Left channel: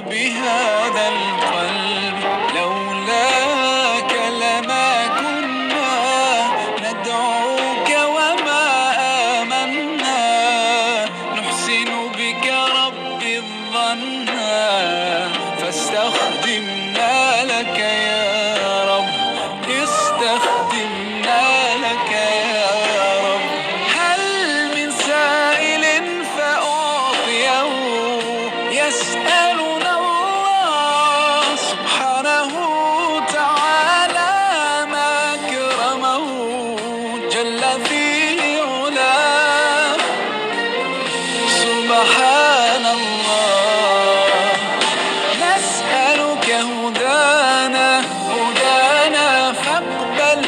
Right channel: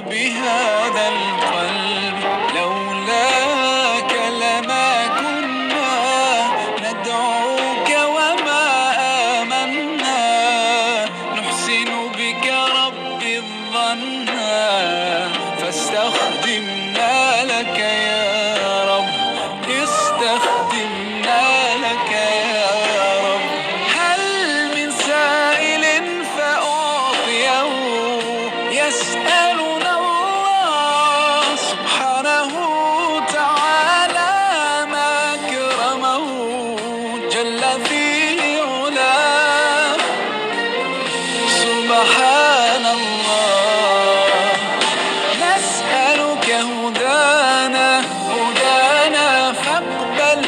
بهذا القلب، لولاك لما كنا ندعوك وما آمنا، نحسن بك رب الظنا، فاستخدمنا لك يا رب، استخدمنا لك يا رب. هل من سائل فأعطيه يسألنا الله سبحانه تعالى ما أكرمه جل في علاه، سبحان الله. نسألك هدانا فاقبل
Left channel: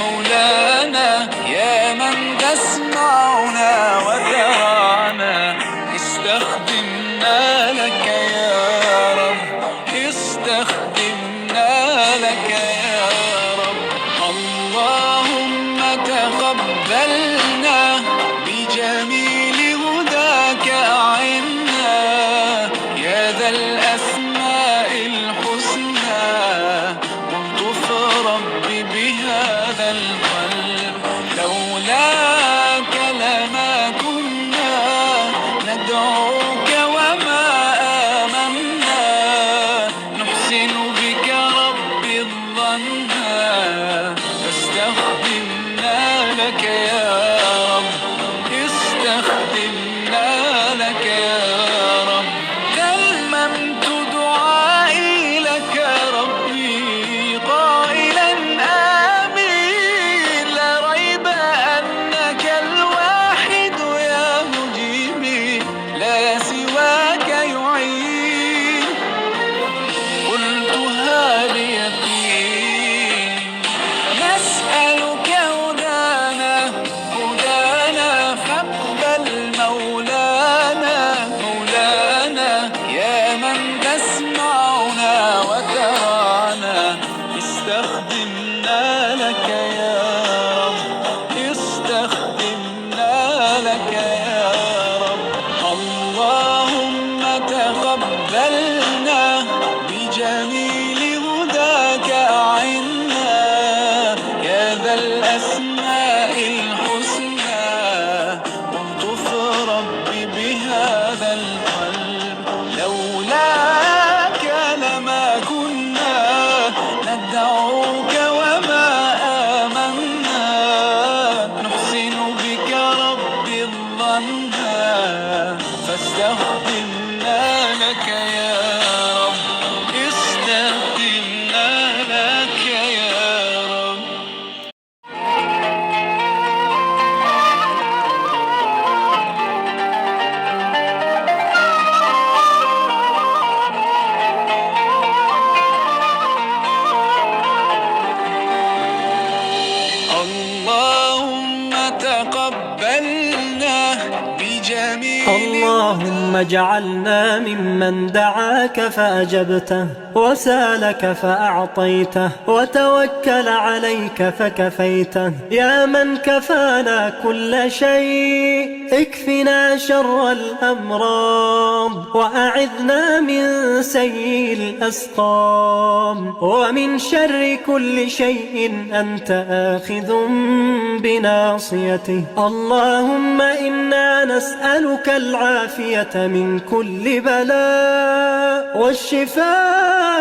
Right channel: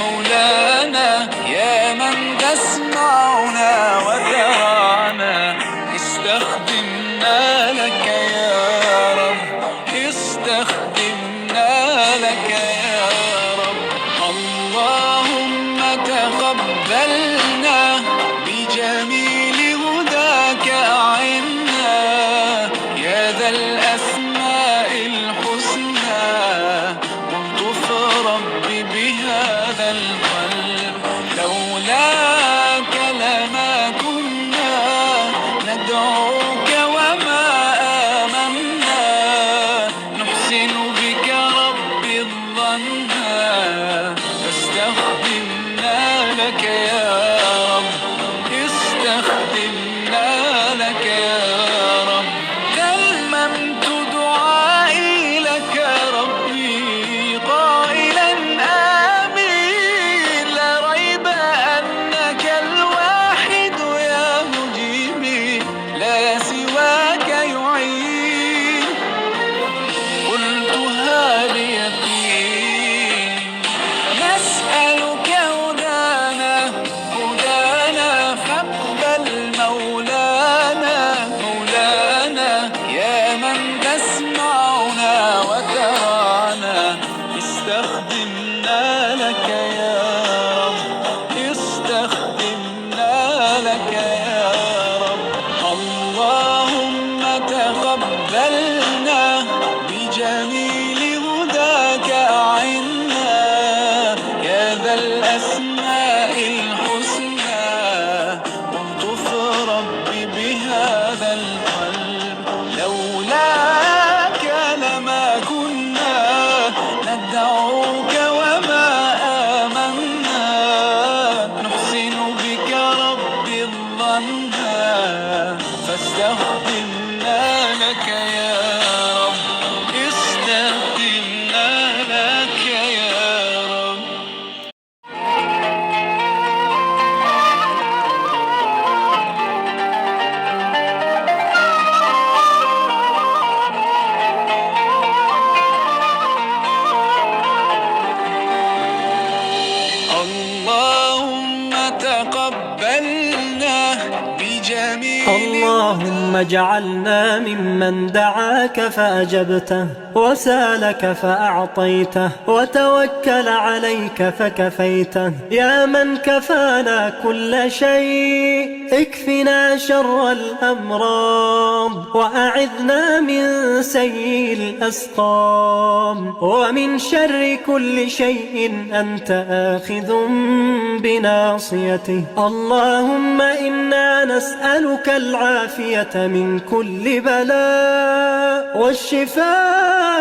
مولانا يا من تسمعنا وترانا، استخدمنا لك يا رب، استخدمنا لك يا رب. اللهم تقبلنا بجميل هداك أعنا، يا ذا الأسماء الحسنى، والطف رب بهذا القلب، لولاك لما كنا ندعوك وما آمنا، نحسن بك رب الظنا، فاستخدمنا لك يا رب، استخدمنا لك يا رب. تممت دعائي لك ربي قائلا آمين، لا ريب أنك الواحد يا مجيبي، لا سواك يعين، قلتها بيقين. نسألك هدانا فاقبل مولانا يا من تسمعنا وترانا، استخدمنا لك يا رب، استخدمنا لك يا رب. اللهم تقبلنا بجميل هداك أعنا، يا ذا الأسماء الحسنى، والطف رب بهذا القلب، لولاك لما كنا ندعوك وما آمنا، نحسن بك رب الظنا، فاستخدمنا لك يا رب، استخدمنا لك يا رب. اللهم تقبلنا بجميل اللهم اجعلنا ممن دعاك فأجبته، وسالك فأعطيته، وتوكل عليك فكفيته. يا من كفانا كل شيء، اكفنا شر الأمراض، وأعذنا من سيء الأسقام، ومن شر كل شيء أنت آخذ بناصيته. اللهم إنا نسألك العافية من كل بلاء، والشفاء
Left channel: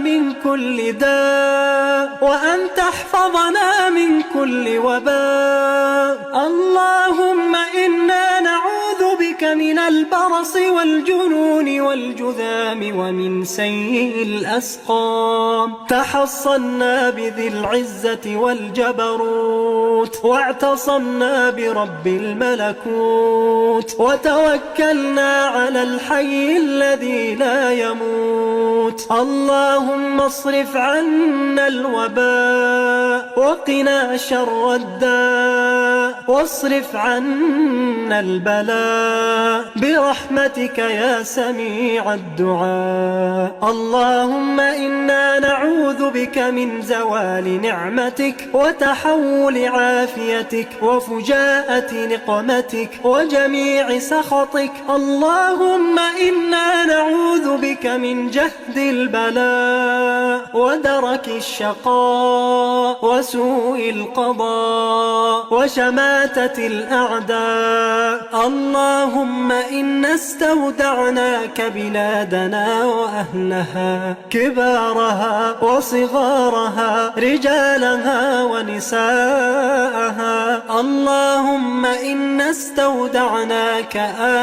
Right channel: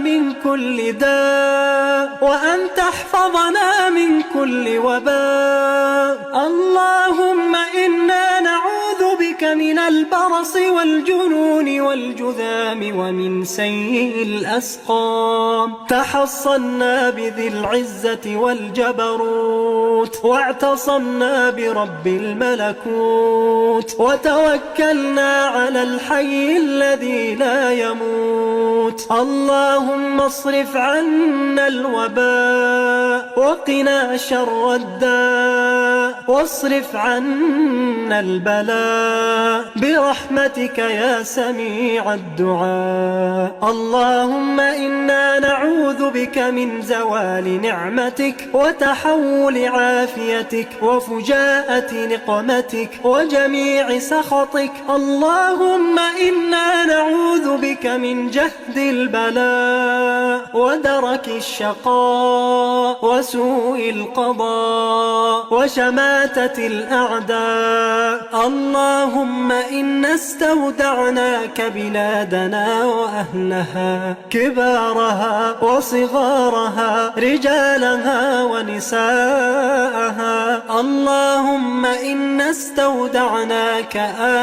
من كل داء، وأن تحفظنا من كل وباء. اللهم إنا نعوذ بك من البرص والجنون والجذام ومن سيء الأسقام. تحصنا بذي العزة والجبروت، واعتصمنا برب الملكوت، وتوكلنا على الحي الذي لا يموت. اللهم اصرف عنا الوباء وقنا شر الداء واصرف عنا البلاء برحمتك يا سميع الدعاء اللهم إنا نعوذ بك من زوال نعمتك وتحول عافيتك وفجاءة نقمتك وجميع سخطك اللهم إنا نعوذ بك من جهد البلاء ودرك الشقاء وسوء القضاء وشماتة الأعداء اللهم إنا استودعناك بلادنا وأهلها كبارها وصغارها رجالها ونساءها اللهم إنا استودعناك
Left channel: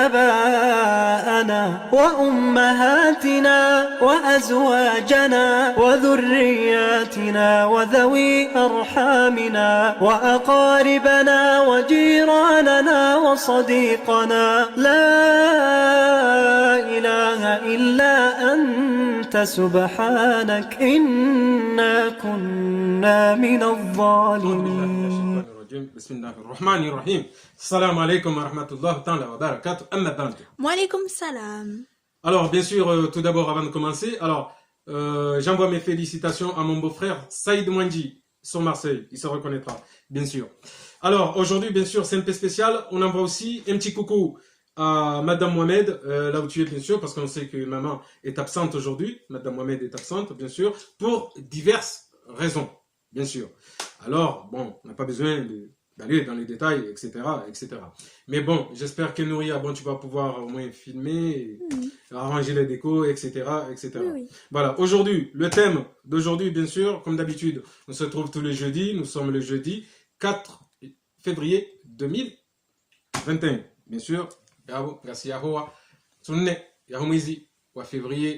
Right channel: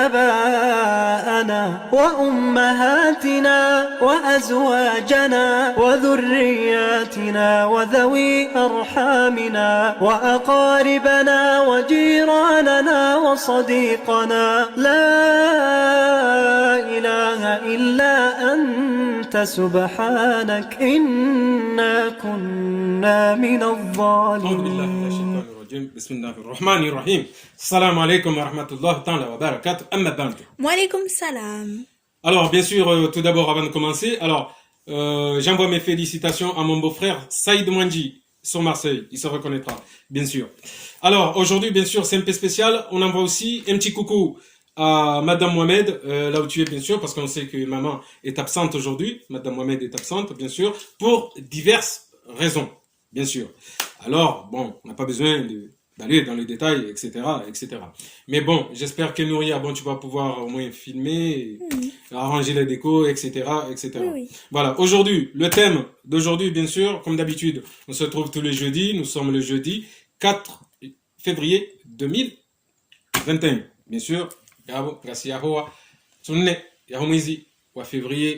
آباءنا وأمهاتنا وأزواجنا وذرياتنا وذوي أرحامنا وأقاربنا وجيراننا وصديقنا لا إله إلا أنت سبحانك إنا كنا من الظالمين. بسم الله الرحمن الرحيم. السلام عليكم ورحمة الله تعالى وبركاته. أما بعد. Walaikum salam. Alors, bien sûr, tout d'abord, avant de commencer, j'envoie mes félicitations à mon beau-frère Saïd Mouandji sur Marseille. Il se reconnaîtra, bien sûr. Alors, aujourd'hui, bien sûr, c'est un peu spécial. On envoie aussi un petit coucou à Madame Mohamed, là où tu es, bien sûr, parce qu'on sait que maman est absente aujourd'hui. Madame Mohamed est absente, bien sûr, pour diverses raisons, bien sûr. Alors, bon, on n'a pas besoin d'aller dans les détails, etc., etc. Mais bon, j'espère que Nouria, bon, tu vas pouvoir au moins filmer, arranger les décos, etc., etc. Oui. Voilà, aujourd'hui, le thème d'aujourd'hui, bien sûr, comme d'habitude, on se trouve tous les jeudis. Nous sommes le jeudi 4 février 2021. Bien sûr, février,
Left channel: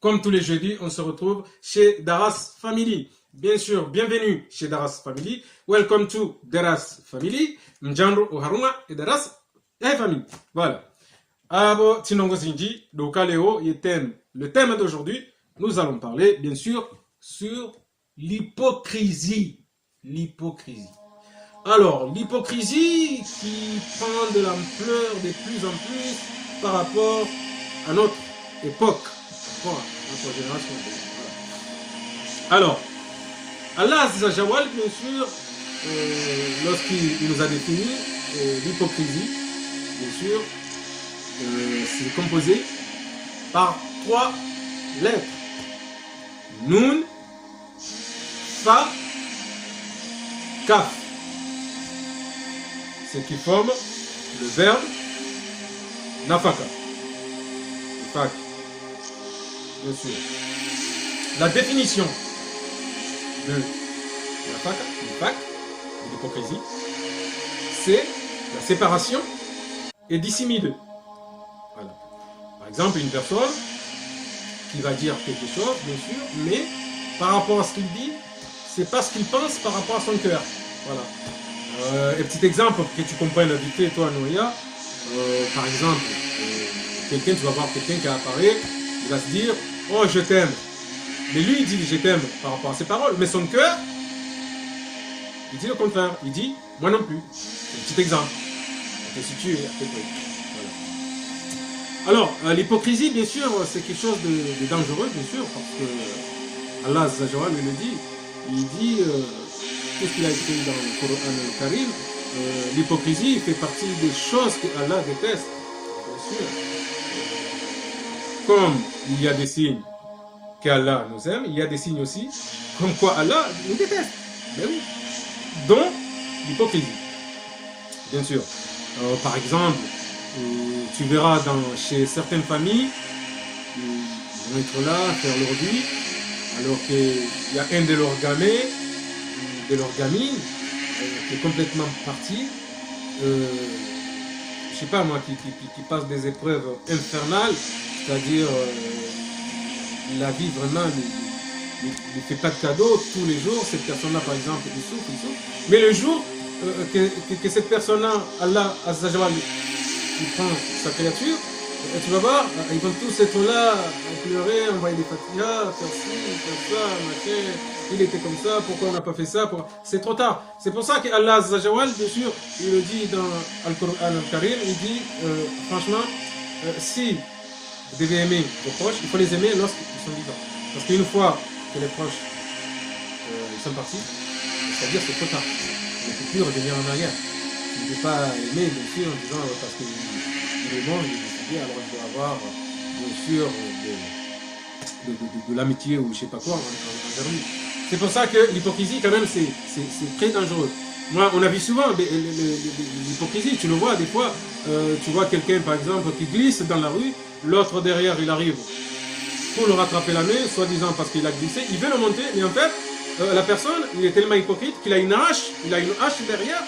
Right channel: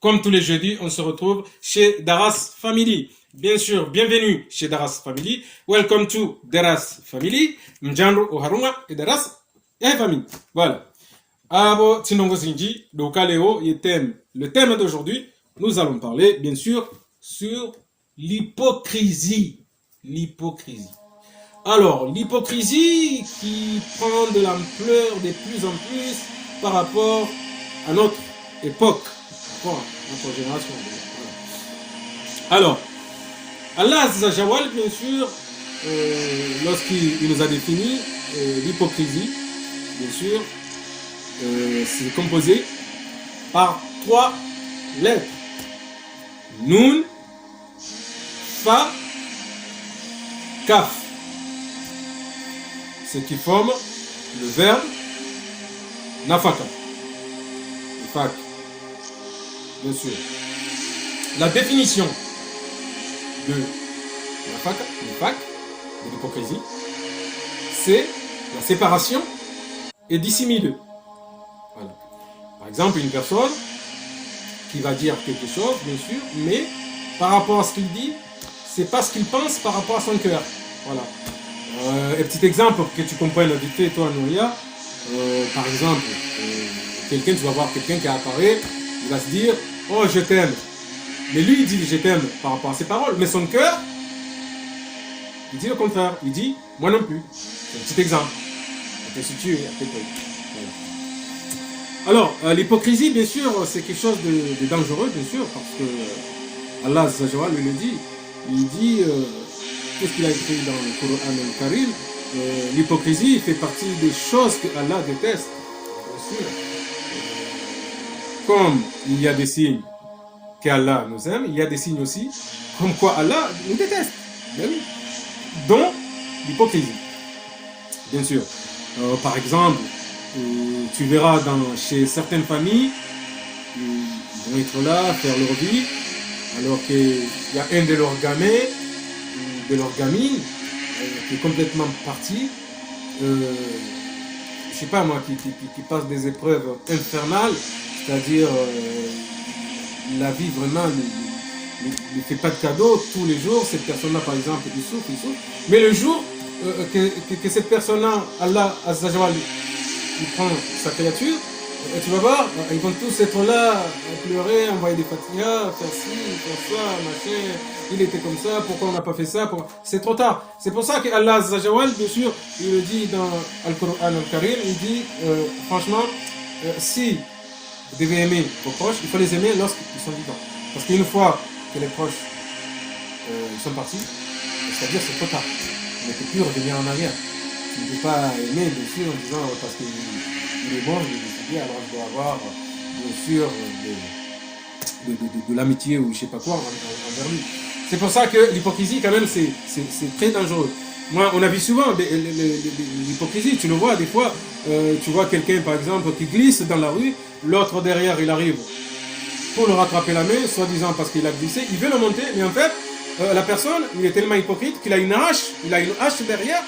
comme tous les jeudis, on se retrouve chez Daras Family. Bien sûr, bienvenue chez Daras Family. Welcome to Daras Family. Mjandro Oharuma et Daras et Family. Voilà. Abo Tinongo Zinji, Dokaleo, le thème d'aujourd'hui, nous allons parler, bien sûr, sur l'hypocrisie. L'hypocrisie. Alors, l'hypocrisie qui prend de l'ampleur de plus en plus par rapport à notre époque. Alors, Allah Azzajawal, bien sûr, lorsqu'il nous a défini l'hypocrisie, bien sûr, c'est composé par 3 lettres. Nun, Fa, Kaf. Ce qui forme le verbe Nafaka. Fak. Bien sûr. La définition de l'hypocrisie, c'est la séparation et dissimule. Voilà. Par exemple, une personne qui va dire quelque chose, bien sûr, mais par rapport à ce qu'il dit, c'est pas ce qu'il pense par rapport à son cœur. Voilà. Un petit exemple pour que tu comprennes la vérité, toi, Nouria. Par exemple, tu vas voir quelqu'un qui apparaît, il va se dire, oh, je t'aime. Mais lui, il dit, je t'aime par rapport à ses paroles, mais son cœur, il dit le contraire. Il dit, moi non plus. C'est un petit exemple. Alors, l'hypocrisie, bien sûr, c'est quelque chose de dangereux, bien sûr, parce que Allah Azzawajal me dit, qu'est-ce qu'il a écrit dans le Coran Karim, l'hypocrisie fait partie des choses que Allah déteste. Comme il y a des signes qu'Allah nous aime, il y a des signes aussi comme quoi Allah nous déteste. Donc, l'hypocrisie. Bien sûr. Par exemple, tu verras chez certaines familles, ils vont être là, faire leur vie, alors qu'il y a un de leurs gamins, de leurs gamines, qui est complètement parti, je sais pas moi, qui passe des épreuves infernales, c'est-à-dire la vie vraiment ne fait pas de cadeaux tous les jours. Cette personne-là, par exemple, il souffre. Mais le jour que cette personne-là, Allah Azzawajal, il prend sa créature, Et tu vas voir, ils vont tous être là, à pleurer, envoyer des fatigues, faire ci, faire ça, machin, il était comme ça, pourquoi on n'a pas fait ça, c'est trop tard. C'est pour ça qu'Allah Azzajawal, bien sûr, il le dit dans Al-Qur'an Al-Karim, il dit, franchement, si vous devez aimer vos proches, il faut les aimer lorsqu'ils sont vivants. Parce qu'une fois que les proches sont partis, c'est-à-dire c'est trop tard. On ne peut plus revenir en arrière. Tu ne peux pas aimer, bien sûr, en disant parce qu'il est bon, c'est bien, on doit avoir, bien sûr, de l'amitié ou je sais pas quoi. C'est pour ça que l'hypocrisie, quand même, c'est très dangereux. Moi, on a vu souvent l'hypocrisie, tu le vois des fois, tu vois quelqu'un, par exemple, qui glisse dans la rue, l'autre derrière, il arrive pour le rattraper la main, soi-disant parce qu'il a glissé, il veut le monter, mais en fait, la personne, il est tellement hypocrite qu'il a une hache, derrière,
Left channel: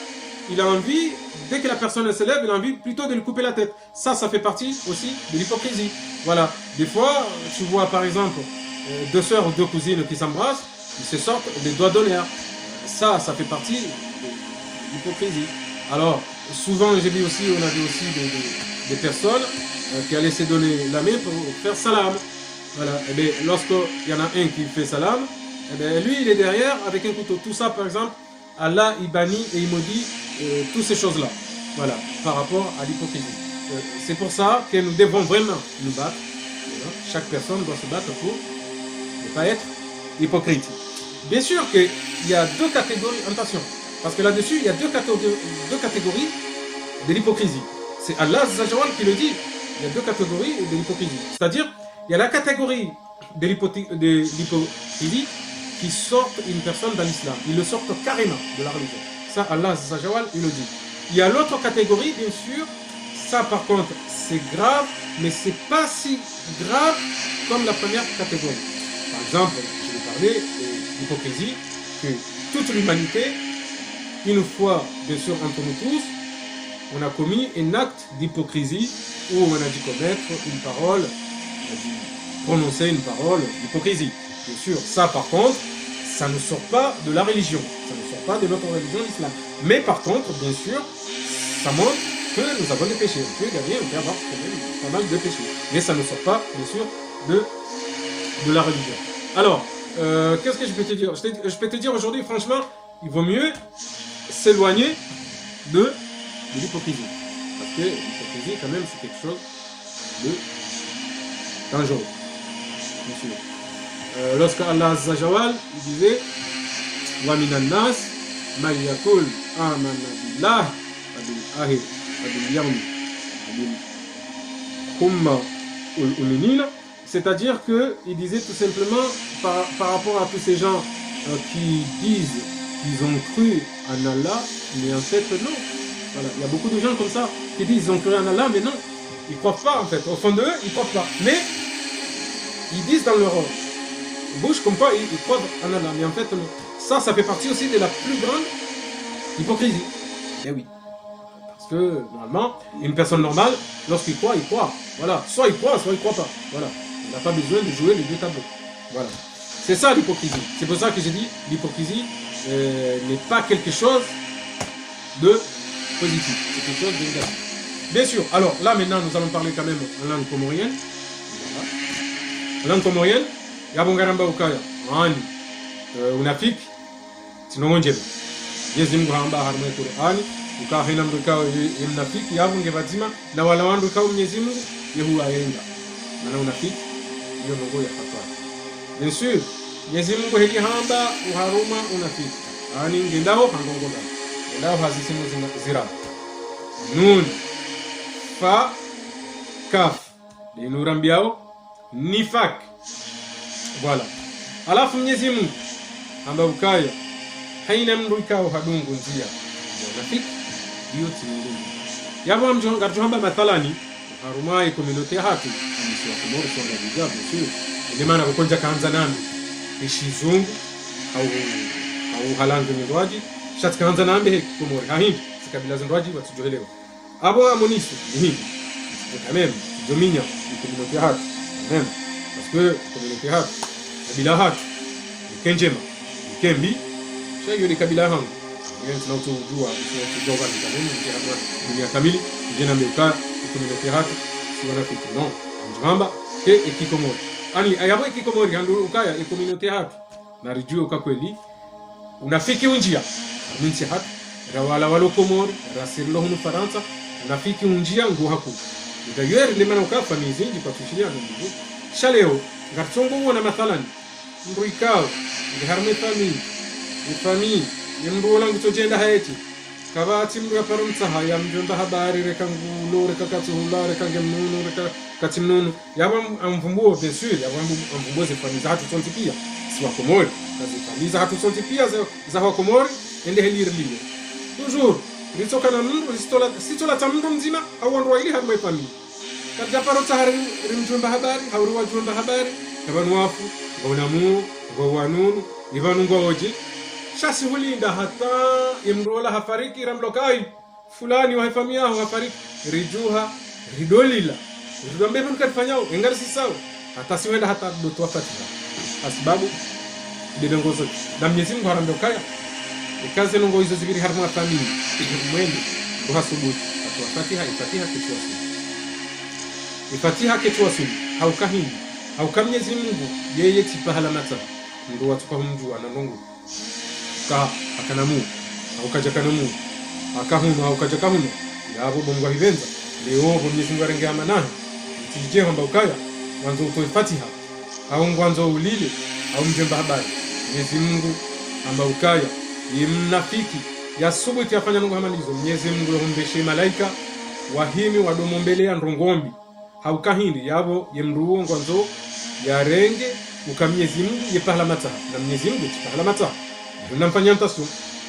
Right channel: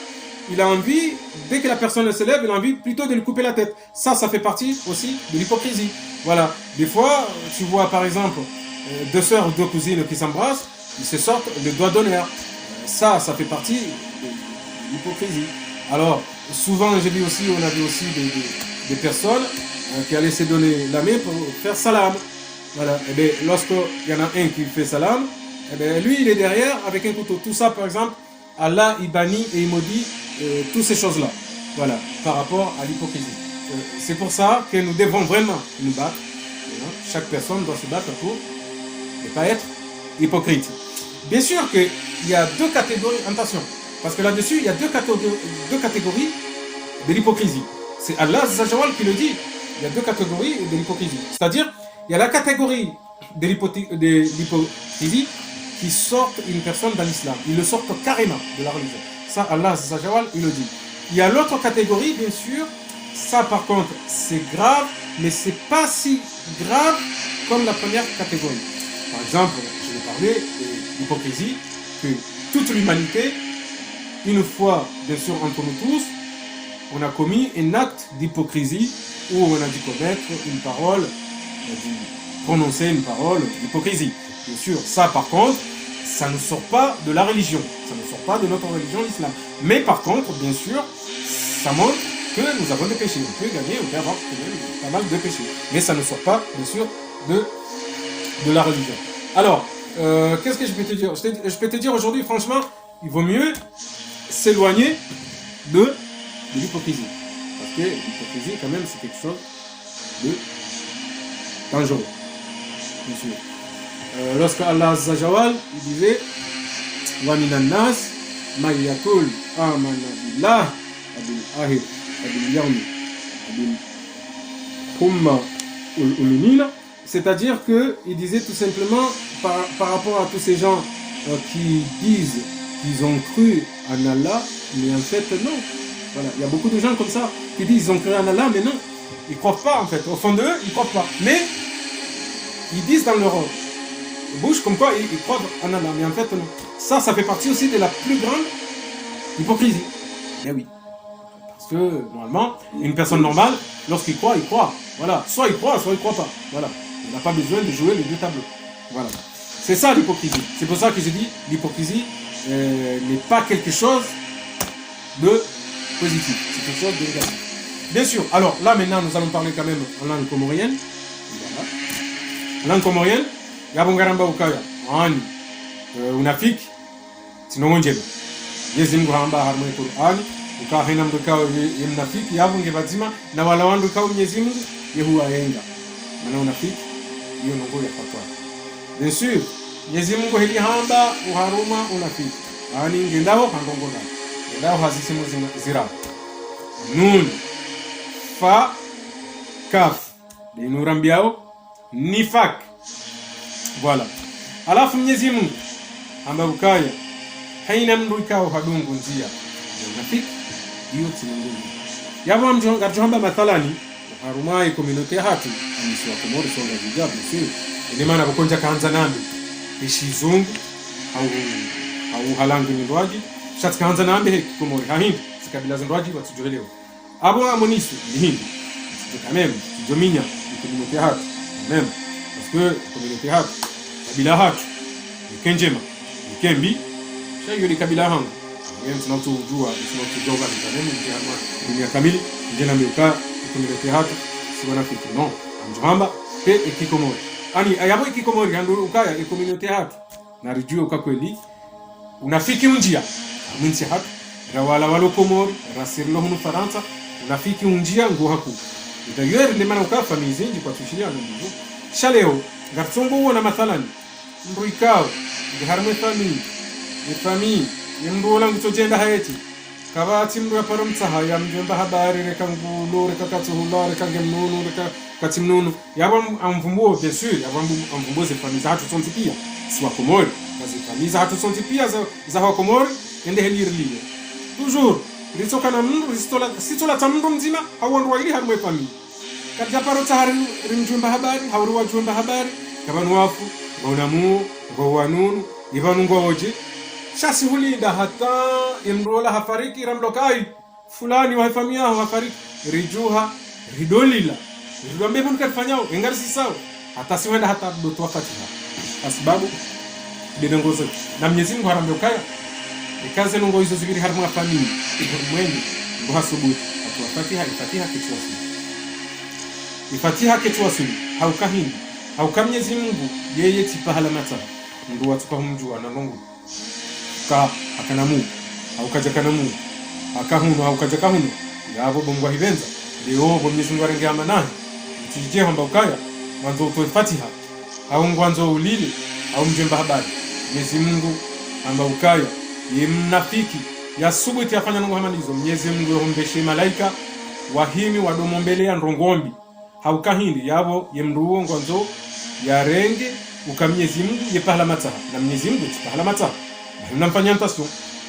il a envie, dès que la personne se lève, il a envie plutôt de lui couper la tête. Ça fait partie aussi de l'hypocrisie. Voilà. Des fois, tu vois par exemple, deux sœurs ou deux cousines qui s'embrassent, ils se sortent les doigts d'honneur. Ça fait partie de l'hypocrisie. Alors, souvent, on a vu aussi des personnes qui allaient se donner la main pour faire salam. Voilà. Et bien, lorsqu'il y en a un qui fait salam, et bien, lui, il est derrière avec un couteau. Tout ça, par exemple, Allah, il bannit et il maudit toutes ces choses-là. Voilà, par rapport à l'hypocrisie. C'est pour ça que nous devons vraiment nous battre. Chaque personne doit se battre pour ne pas être hypocrite. Bien sûr qu'il y a deux catégories, attention, parce que là-dessus, il y a deux catégories de l'hypocrisie. C'est Allah Azzawajal qui le dit. Il y a deux catégories de l'hypocrisie. C'est-à-dire, il y a la catégorie de l'hypocrisie qui sortent une personne dans l'islam. Ils le sortent carrément de la religion. Ça, Allah Azzawajal, il le dit. Il y a l'autre catégorie, bien sûr. Ça, par contre, c'est grave, mais c'est pas si grave comme la première catégorie. Par exemple, je vais parler de l'hypocrisie, que toute l'humanité, une fois, bien sûr, entre nous tous, on a commis un acte d'hypocrisie où on a dû commettre une parole, on a dû prononcer une parole d'hypocrisie. Bien sûr, ça, par contre, ça ne sort pas de la religion, ça ne sort pas de notre religion, l'islam. Mais par contre, bien sûr, ça montre que nous avons des péchés, qu'il y a bien pas mal de péchés. Mais ça ne sort pas, bien sûr, de la religion. Alors, qu'est-ce que je peux te dire? Je peux te dire aujourd'hui, franchement, il vaut mieux s'éloigner de l'hypocrisie. Parce que l'hypocrisie, quand même, c'est quelque chose de dangereux. Lorsque Allah Azzawajal disait wa minan nas man yaqul amana billah bil yawm thumma ul-ulinina, c'est-à-dire que il disait tout simplement par rapport à tous ces gens qui disent qu'ils ont cru en Allah, mais en fait non. Voilà. Il y a beaucoup de gens comme ça qui disent qu'ils ont cru en Allah, mais non, ils ne croient pas en fait. Au fond d'eux, ils ne croient pas. Mais ils disent dans leur bouche comme quoi ils croient en Allah, mais en fait non. Ça fait partie aussi de la plus grande hypocrisie. Eh oui. Parce que normalement, une personne normale, lorsqu'il croit, il croit. Voilà. Soit il croit, soit il ne croit pas. Voilà. On n'a pas besoin de jouer les deux tableaux. Voilà. C'est ça l'hypocrisie. C'est pour ça que j'ai dit l'hypocrisie n'est pas quelque chose de positif. C'est quelque chose de négatif. Bien sûr. Alors là maintenant, nous allons parler quand même en langue comorienne. Langue comorienne. Gabongaramba ukaya. Ani. Unafiki. Sinongonjeba. Yezi nguramba harmoni Qur'ani. Ukahina mdukao yemnafiki. Yabu ngevazima. Na wala wandu kao nyezimu. Yehuwa yenga. Wana unafiki. Iyo mkole fatwa. Bien sûr. Yezi Mungu hiki hamba uharuma unafiki. Ani ngendao pangongona. Ngendao hazisimu zira. Nun. Fa. Kaf. Linurambiao. Nifak. Voilà. Alafu Mwenyezi Mungu ambaye ukaya haina mndu ikao hadungu njia. Rafiki yote ni. Yabo mjonga tuhamba mathalani arumai community hatu ni sio kumoro sio ndio sio. Ndio maana ukonja kaanza nani? Ishizungu au halangu ndwaji. Shati kaanza nambe kumoro kahindi sikabila zindwaji watujuelewa. Abo amonisi ni. Quand même, dominia community hatu. Même parce que community hatu bila hatu kenjema kembi sio ni kabila hangu yeye tunatujua tunatujua kwa nini kamili jina mika community hatu si mwanafiki no njomba ikikomori ani ayabo ikikomori yangu ukaya ikominyoke hapo na rijue kwa kweli unafiki unjia nchi hapa na wala komori rasirlo hunu Faransa unafiki unjia ngo hapo ndio ndio maana ukafa mizingi kwa tushilia na shaleo ngatungu na mathalani ndio ikao harame family ndio na mtojenda haeti kabati mwe para mtaha ya mjenda habari reka ngulo reka katuhuba reka gemuno reka katimnono yaba amvumbuo bien sûr yaba amvumbuo ze famille hatu tontikia si wa Komori famille hatu tontikia za wa Komori ende helirli toujours nitoka na mungu sitola tamungu mzima au ndo ile harme famille katika paro tahari rimjunda habari hauru wajunda habari yaba wafu onamu gowanun ibanu ngoje shasi hulida hata imrola hafariki ramlokai fulani wa familia hafariki rijuha ridolila ndio mbona mkafanyao ingali si sawa hata siwenda hata mtu wakati kwa sababu nilongozo na Mwenyezi Mungu haramlokai ikaze ngo hizo zingine harma familia mwenye kwa sababu Fatiha kitwasu au kahini au Mwenyezi Mungu yeye tipahala nata ndio watu kwa mjua na Mungu ka akanamu au kajakamu akahunu au kajakamu yabo bongo hivenza leo Mwenyezi Mungu arengeama naye tije hamba ukaya mwanzo kwa Fatiha au mwanzo ulile au mjomba habari Mwenyezi Mungu amba ukaya ni mnafiki yasubuti afanya ngo hamanizo Mwenyezi Mungu aongeshe malaika wahimi wadomombelea ndongombi haukahindi yabo yemruo mwanzo ya renge ukamnyezi Mungu yepala mata na Mwenyezi Mungu yepala mata mnamfanyia mtaso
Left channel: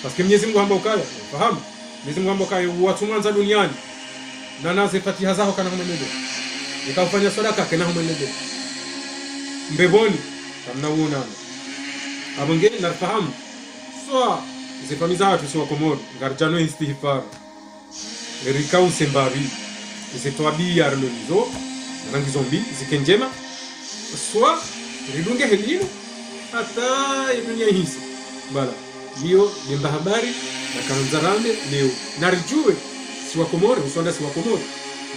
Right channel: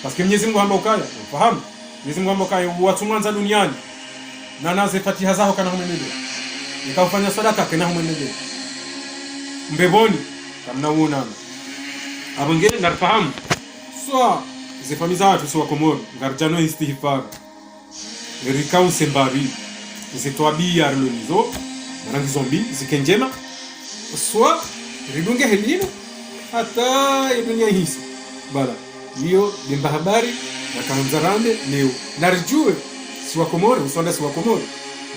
parce que Mwenyezi Mungu amba ukaya fahamu Mwenyezi Mungu amba ukaya watu mwanza duniani na naze Fatiha zao kana mwenyewe nikafanya sadaka kana mwenyewe mbeboni mnaona abongene na fahamu swa zifamiza watu swa Komoro garjano istighfar rikau sembari zitwabia armenizo rangi zombi zikenjema swa ridunge helini hata dunia hisi bala hiyo ni habari na kanzarande leo narjue si wa Komoro usonde si wa Komoro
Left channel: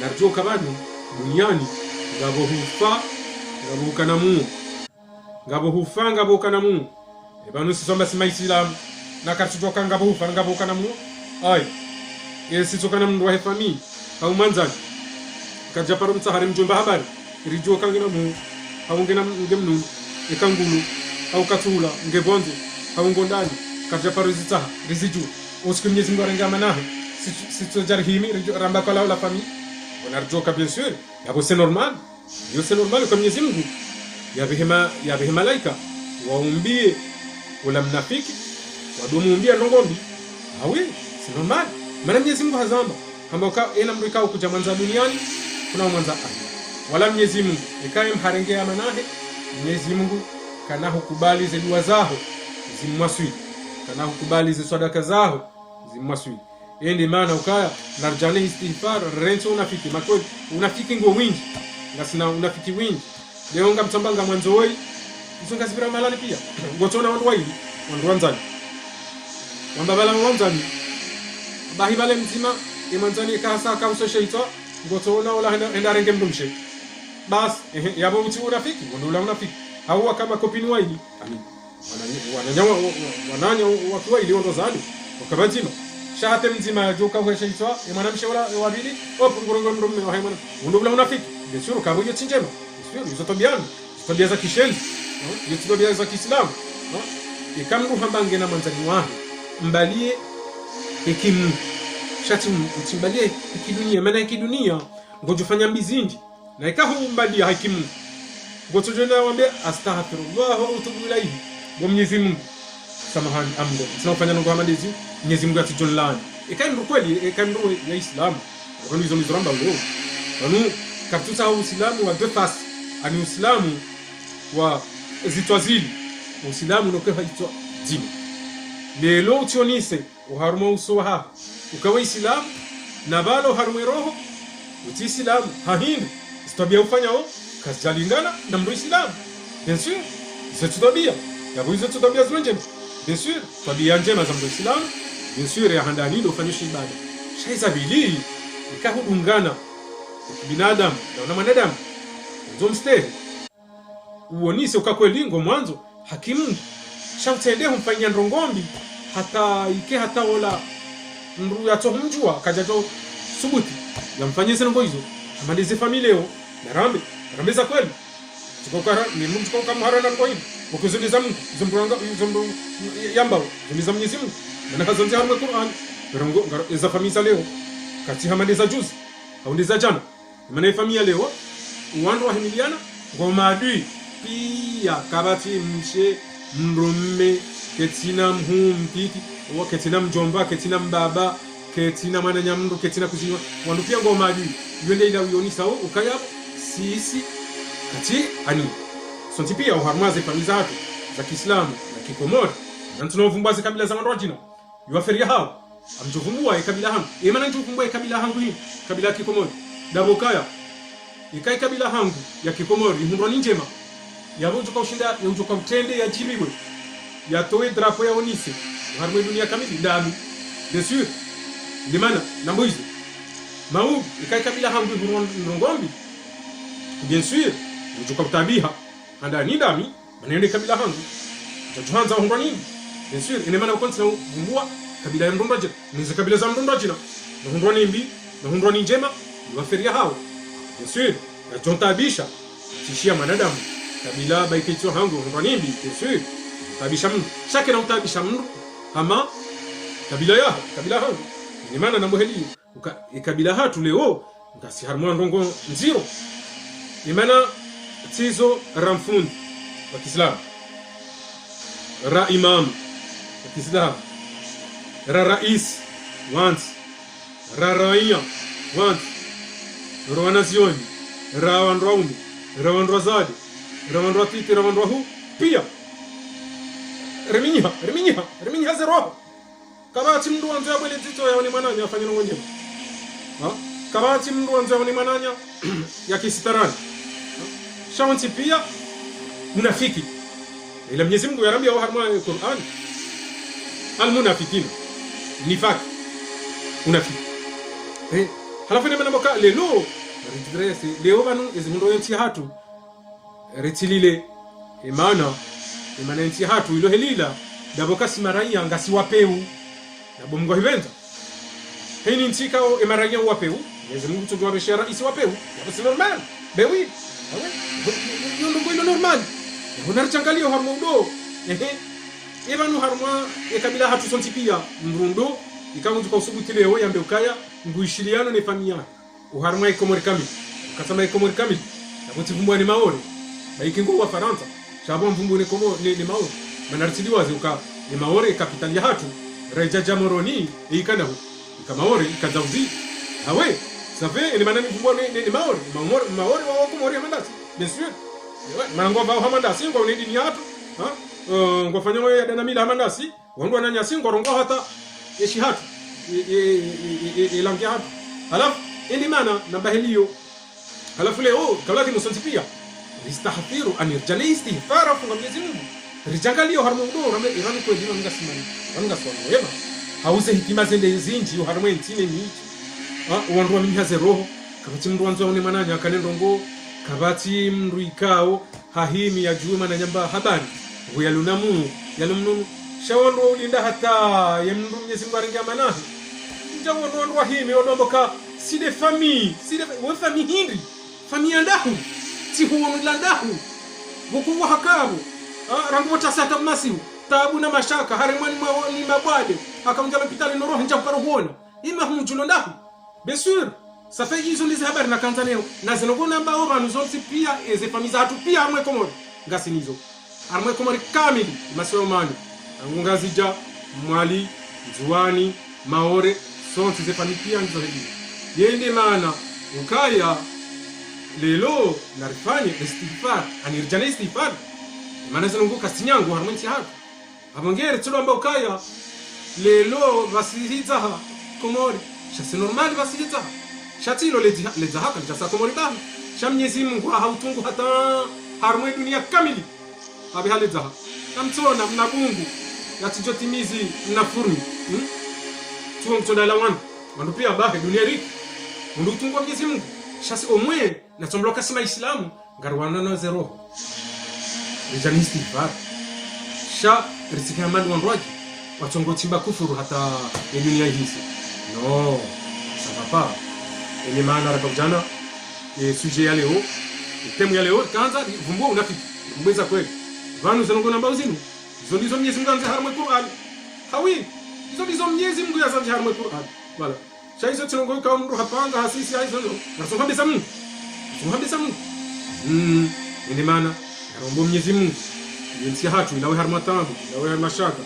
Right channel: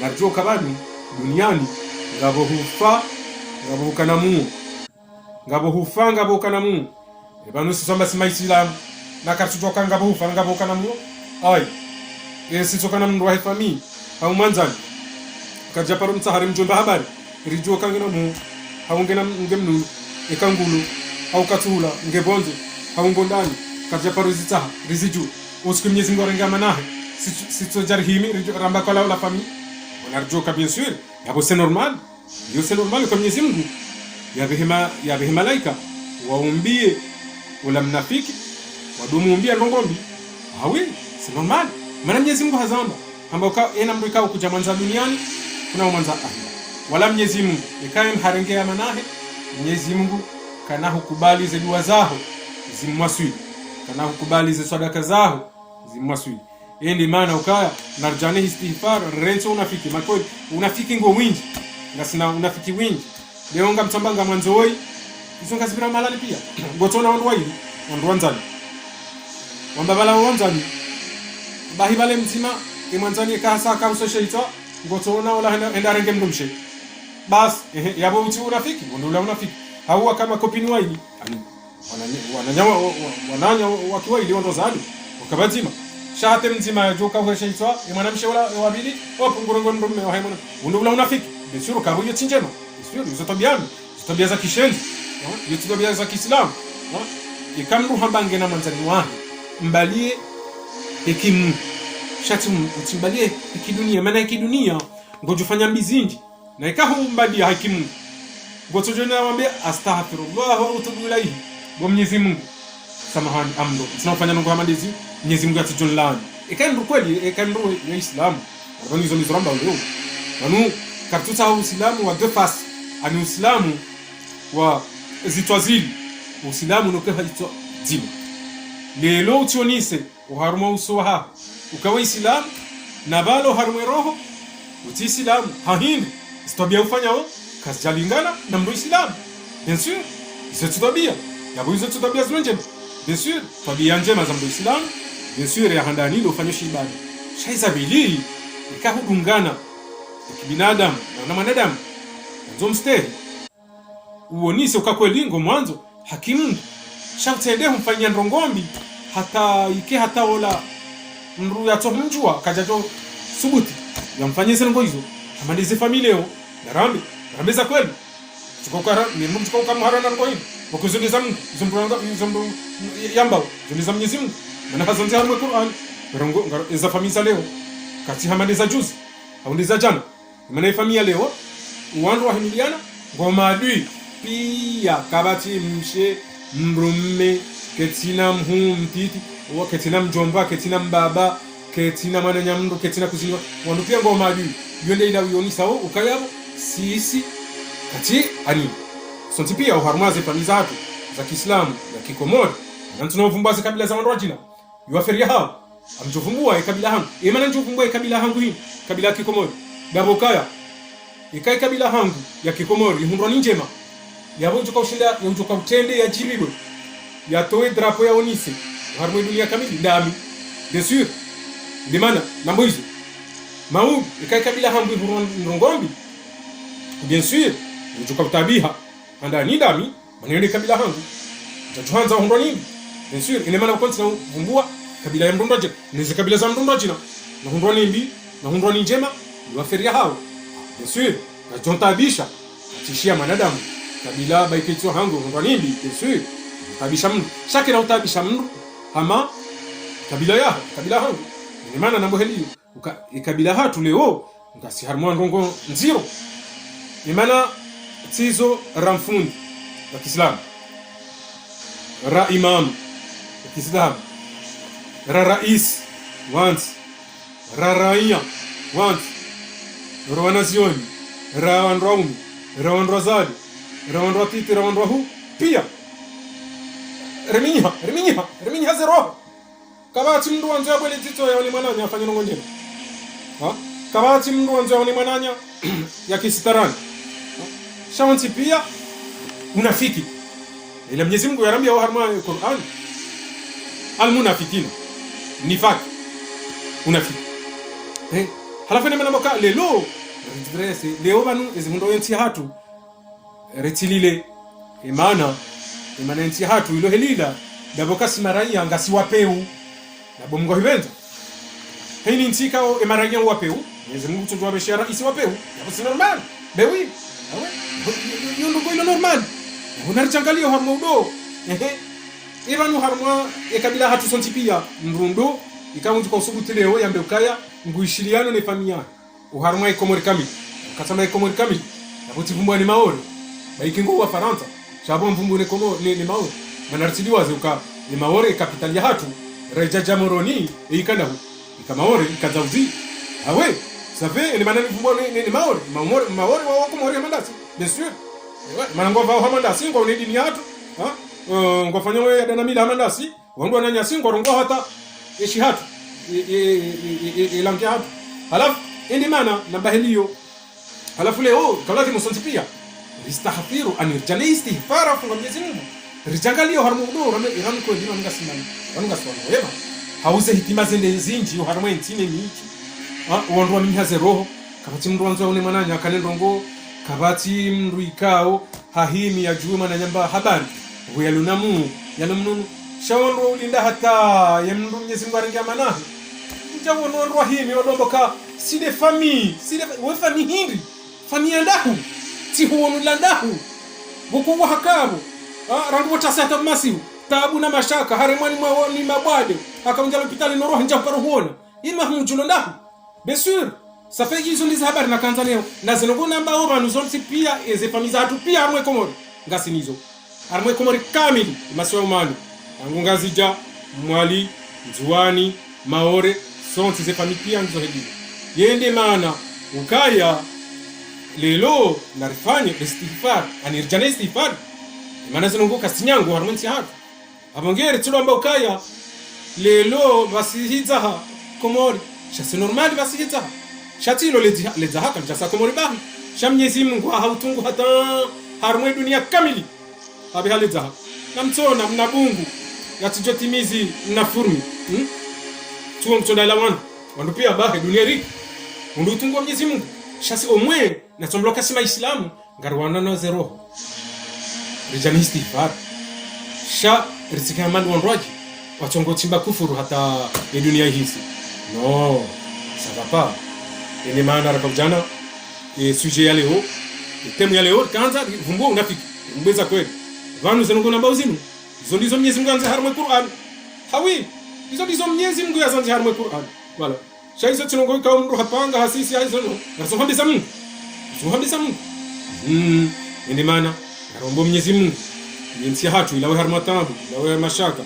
narjue kabado duniani ngabo hufa ngabo kanamu ngabo hufa ngabo kanamu ebanu sisomba simaisila na katutoka ngabo hufa ngabo kanamu ai yesi toka na mndu wa family au mwanzani kaja paru mtahari mjomba habari rijua kangena mu au ngena ngemnu ekangulu au katula ngebonzo au ngondani kaja paru zita riziju usiku Mwenyezi Mungu arengama nahe sito jarhimi ramba kwa la famille onarjoka bien sûr hapo c'est normal yo c'est normal kwa Mwenyezi Mungu ya behema malaika waumbie wala mnafiki wadomumbia ngombi hawi c'est normal maana Mwenyezi Mungu hazama kwamba yena mrika ukuja manza duniani kuna mwanza wala Mwenyezi Mungu ikae mharengea manahe Mwenyezi Mungu kana hukubali dua zao zimwaswi kana hukubali sadaka zao zimwaswi yeye maana ukaya narjane istighfar reto unafiki makoni unafiki ngo wingi na sina unafiki wingi leo ngamtambanga mwanzo woi usonga sibira malani pia gotona woi mwanzani bala wanzani bahi bale mzima imwanzani kasa kamso sheita gotona wala enda renge mdumshe bas yabo uti unafiki ndio unafiki hawa kama kopini waini wananyawa wananya watu waili ndo zani ukabazima shate mzima joka kwa sheita imwanamshe wala wabili hapo ngorongo ndo haimo ndio unafiki ndio kama hiyo chinjema sio zotobiana tabia za kishenzi ni tabia za Kiislamu ikamru hambange na mtani wake mbalie ikimu shatu mtimbalie ikidunia maana ikidunia ngojufanya mbizinji na ikaho mbalie hakimu boto jana wambe astaghfirullah wa atubu ilayhi wa Mwenyezi Mungu samahani amdo tunafanya Mungu hamadizi Mwenyezi Mungu atujonlani ikandu kweli ikandu na Islam wanizo mzomba leo nanu katuta Uislamu wa defas ani Uislamu wa zitwazili Uislamu no kwa hitwa dini lelo tionise uharuma usoha ukawa Islam na bado harume roho uti Islam hahini sitabia ufanyao kasjalingana na mdo Islam bien sûr c'est tabia ya boizo tabia zanje bien sûr tabia njema za mdo Islam bien sûr ya handani ufanye shibali shaiza bili ikakungana binadamu na mwanadamu zomstehe uonise ukakwelingo mwanzo hakimu shautende mfanyia ndongombi hata ike hata ola mru ya tohumjua kajato subuti yamfanyie sengo hizo malize familia rambe za kweli tukokara ni mungu tukokara harana kwa hivi wakuzungeza mungu zumburanga zumbu yamba zungeza mwenyezi Mungu na kazanti hamu Qur'an rongo za familia leo kati hamaliza juzi ondeza jana maana familia leo wandu wa himiliana ngoma adui pia kabati mshe mrumme ketina mtiti o ketina mjomba ketina mbaba ketina mananya mndu ketina kuzinga wandu pia ngoma adui yende ila uyoni sawa ukaya sisi kati ani sonti pia uharmazi familia zake za Kiislamu na Kikomori na tunavumbua kabila za wandu wajina yuaferia hao amjovumbua kabila hangu maana njovumbua kabila hangu hii kabila ya Kikomori dabokaya ikai kabila hangu ya Kikomori ihumra njema yabunjo kwa ushinda yunjo kwa mtende ya jiriwe yatoe drapo ya onise harmo dunia kamili dami bien sûr limana na mwizi mau ikai kabila hangu ngombi bien sûr yunjo kwa tabiha anda ni dami maneno kabila hangu tuanza humra nini bien sûr ina maana ukonsi na vumbua kabila ya mrondoje ni kabila za mrondoje na humra nimbi na humra ni njema waferia hao bien sûr atontabisha tishia manadamu kabila baikitwa hangu kwa nini bien sûr tabisha mtu shaki na utabisha mtu ama kabila hangu ni maana na boheli ikabila hatu leo ngasi harmon ngongo nziro ni maana tizo ramfundi wa Kiislamu ra imam wa Kiislamu ra rais want ra raia want ra nazioni ra wandraumi ra wandrazali ra wandrapiti ra wandrahu pia reminya zero kabati mndu wanzo wale tito ya wale mananya afanye ngonje kabati mndu wanzo wale mananya ya kisitarani shawanti pia munafiki ila Mwenyezi Mungu yaramia wa harma ya Qur'an almunafikin nifaq munafiki halafu nema namoka lelo leo banu ezimundo yenti hatu retilile imana nti hatu ilo helila daboka simaraia ngasi wapeu na bomgo hivendo hini ntika o emaraia wapeu ezimungu tujua beshara isi wapeu c'est normal bewi no normal unarchangalia harmo ndo ibanu harma ekabila hatu sontipia mrundo ikaunzi kwa subuti leo yambe ukaya nguishiliana ne familia uharma ekomori kamili kasama ekomori kamili utivumbwa ni maori na ikingo wa Faransa shabon vumbu ni maori na nartidiwa zuka ni maori kapitali ya hatu reja jamoroni ikana kamaori ikazauzi awe sabe ni maana vumbu ni maori wa kumori mandasi bien sûr mango va hamandasi ngo ni dini hatu ngo fanya wewe dana mila hamandasi wangu ananya singo rongo hata eshi hatu ilangi hatu halafu indi maana na bahiliyo halafu leo kalaki musonti istahfiru an jalaisti farafu na bizimu rijangalio harmudo ramani kwa dini ngasina yema hauze hitima zende zinji harmu ntine niti wandu mnyaze roho kabati mndu wanzo ne mananya kanendongo kabati mndu ikao hahimi ya juma na nyamba habani buyalunamu yanamnu shawandu ulinda hata yamndu Mwenyezi Mungu aringamana jamu wandu wahimi walomoka side famille we famille hindi famille ndahu tihuo mlandahu buku wa hakabu rambo tasata masimu tabu na mashaka haremwani ni mabwade akaunja mpitani no roho njabu karuhona ima hunjulo ndahu bien sûr ça fait hizo ndizo habari na Tanzania na zinongona ambao banu zonsi pia eze famille hatu pia amwe komori ngasi nizo amwe komori kamili masomani angungazija mwali zuani maore zonsi ze famille pia ndizo hizo yende maana ukaya lelo narifani istighfar anirjana istighfar maana zinongoka sinyangu harmonti hatu abongere tulo ambao kaya lelo basihitaha komori shasi normal basihitaha shatilo leza haka litasa komori bahu shamnyezi Mungu hautungu hata harmwe dunia kamili abi haliza namtona mnabungu natijotimizi mnafurmi tuo mtona lawan wandu pia bahe dunia rik undu tungu Mwenyezi Mungu shasi omwe na tombloka sima islamu garwana na zero rijani istighfar sha riziki amani wanroji watongo chimba kufuru hata ya dunia hizi no sipapa ile maana la kujana sujet ya leo temu ya leo kanza vumbua unafiki mbeza kweli vanu zanongo namba uzinu zolizo Mwenyezi Mungu anza harma Qur'an hawi hizo Mwenyezi Mungu yazanja harma Qur'an wala shaisa tunongo ka mru hapanga hasisi hizo na sohabi zamu ine maana rombo Mwenyezi Mungu yensi hatu ilawe harma tabu ilawe mashaka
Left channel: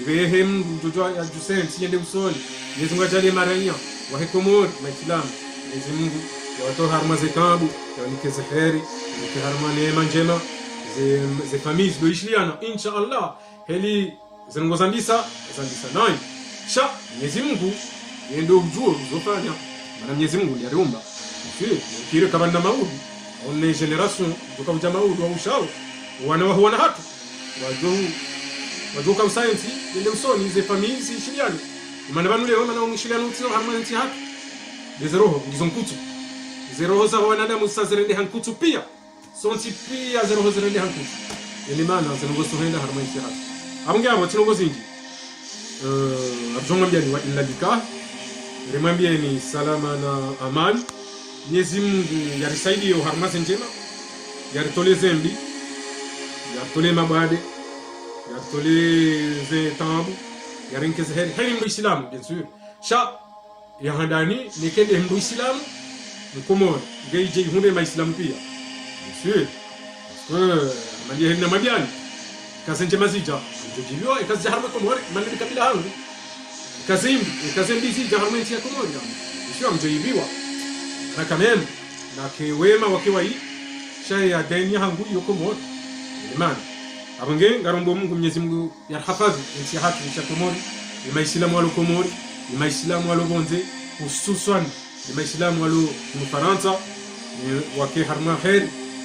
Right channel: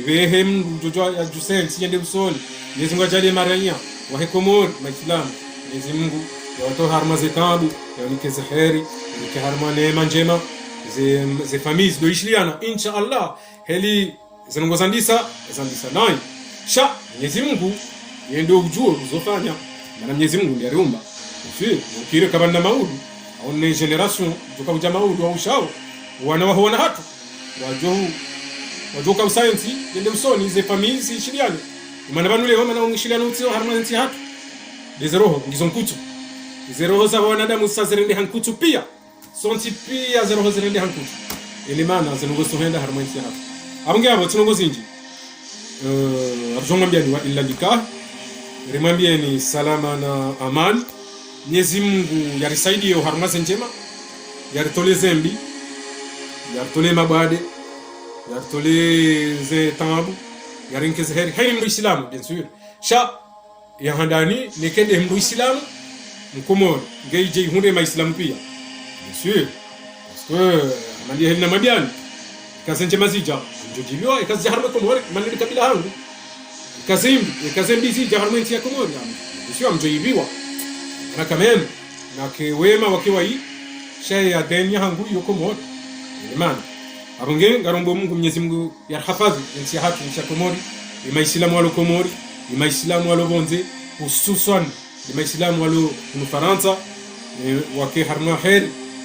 ibehe mtoto ya Jusel siyende usoni Mwenyezi Mungu ajalie marania wa hekomod na Islam Mwenyezi Mungu watu harma zitabu na kizaheri na harma neema njema ze familles doishliana insha Allah heli zinongozandisa nai sha Mwenyezi Mungu yendo ujue uzofanya na Mwenyezi Mungu ndiye aliumba sio kile kama na maudi on generation tukavuta maudi wa ushao wana waona hatu wajoka science ndio msoni ze familles ishiliana maana banu leo maana ungishiliana utio harmonizi hatu dezeroho ngizonkutu zeroho za wanadamu sasa zirende hankutu pia sonti pia zeroho zirende hankutu ile maana zinongozo henda harmonizi hatu abunge abo tinongozo inji arjonga mbiani wa illa nikah rimwambie ni salama na amani Mwenyezi Mungu yarisaidie harmonizi njema yaritole zembi yaritole mabade yaritole ze tabu yarinkeze heri hayni mdu Islam bien sûr sha ya handani nekende mdu Islam mkomo geije hunde ma Islam pia bien sûr parce que mali heli na madiani kasenje mazija njojilio ikazi harma komore mali kabila hangu kazimbi zija harma ntia komore sio mjoibiwa na kamem na kiwema wakiwa hii shay ya deni hangu yuko moto imani abonge ngarombo Mungu Mwenyezi Mungu yarhafadhi nchi hatu mshakomori ni maislamu walo komori ni maislamu walo bonze hususan ni maislamu walo mfaransa wake harma khair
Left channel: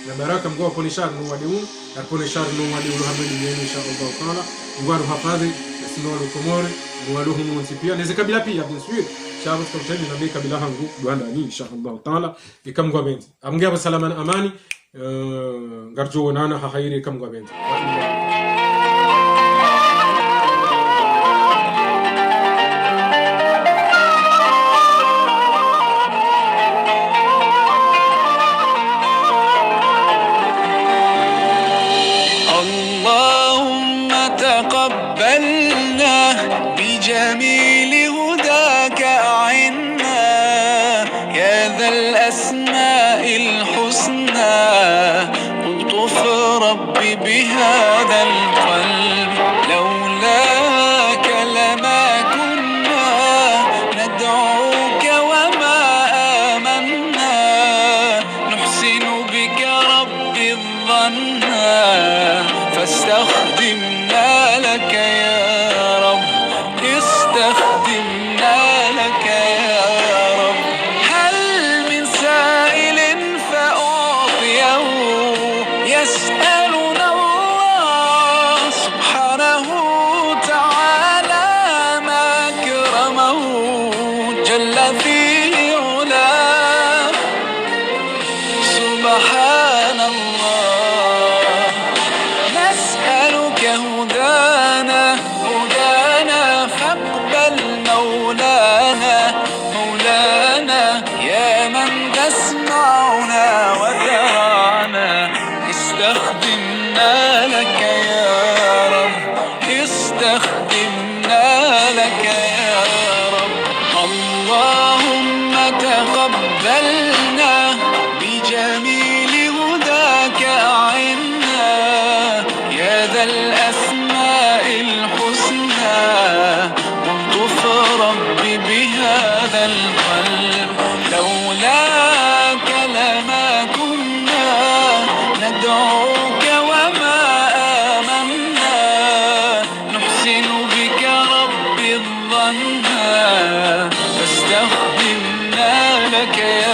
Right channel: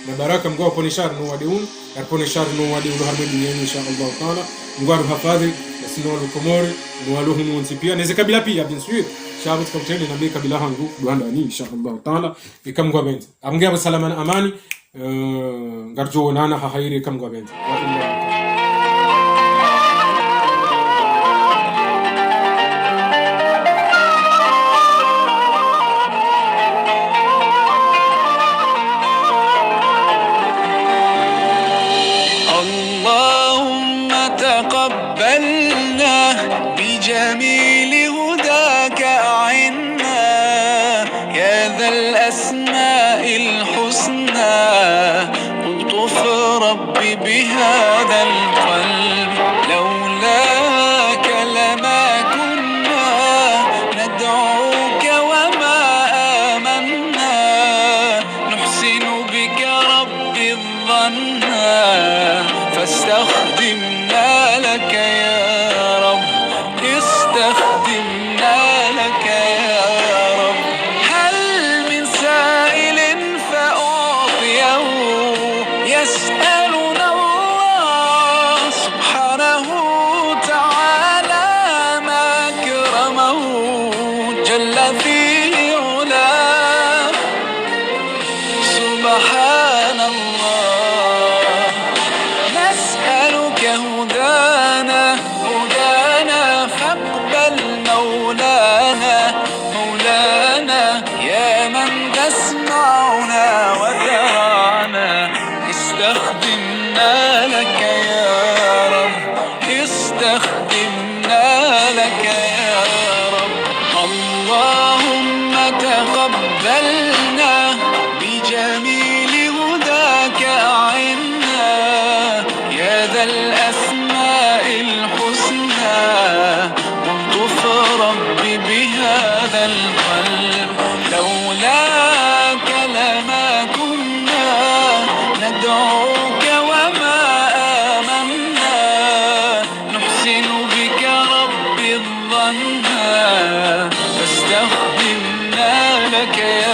na baraka mgo ponishar no wadiun na ponishar no wadiun hamili inshallah taala ngwaru hafadhi sino walo komori no walo humunzi pia na kabila pia bien sûr shabu tukutane na kabila hangu bwana ni inshallah taala ikamgwa benzi amngia salama na amani ngarjo nana hahaire kamgwa benzi تقبلنا بجميل هداك أعنا يا ذا الأسماء الحسنى ألطف ربي بهذا القلب لولاك لما كنا ندعوك وما آمنا نحسن بك ربي الظنا فاستخدمنا لك يا رب استخدمنا لك يا رب هل من سائل فأعطيه يسألنا الله سبحانه تعالى ما أكرمه جل في علاه سبحان الله نسألك هدانا فاقبل مولانا يا من تسمعنا وترانا استخدمنا لك يا رب استخدمنا لك يا رب اللهم تقبلنا بجميل هداك أعنا يا ذا الأسماء الحسنى والطف ربي بهذا القلب لولاك لما كنا ندعوك وما آمنا نحسن بك ربي الظنا فاستخدمنا لك يا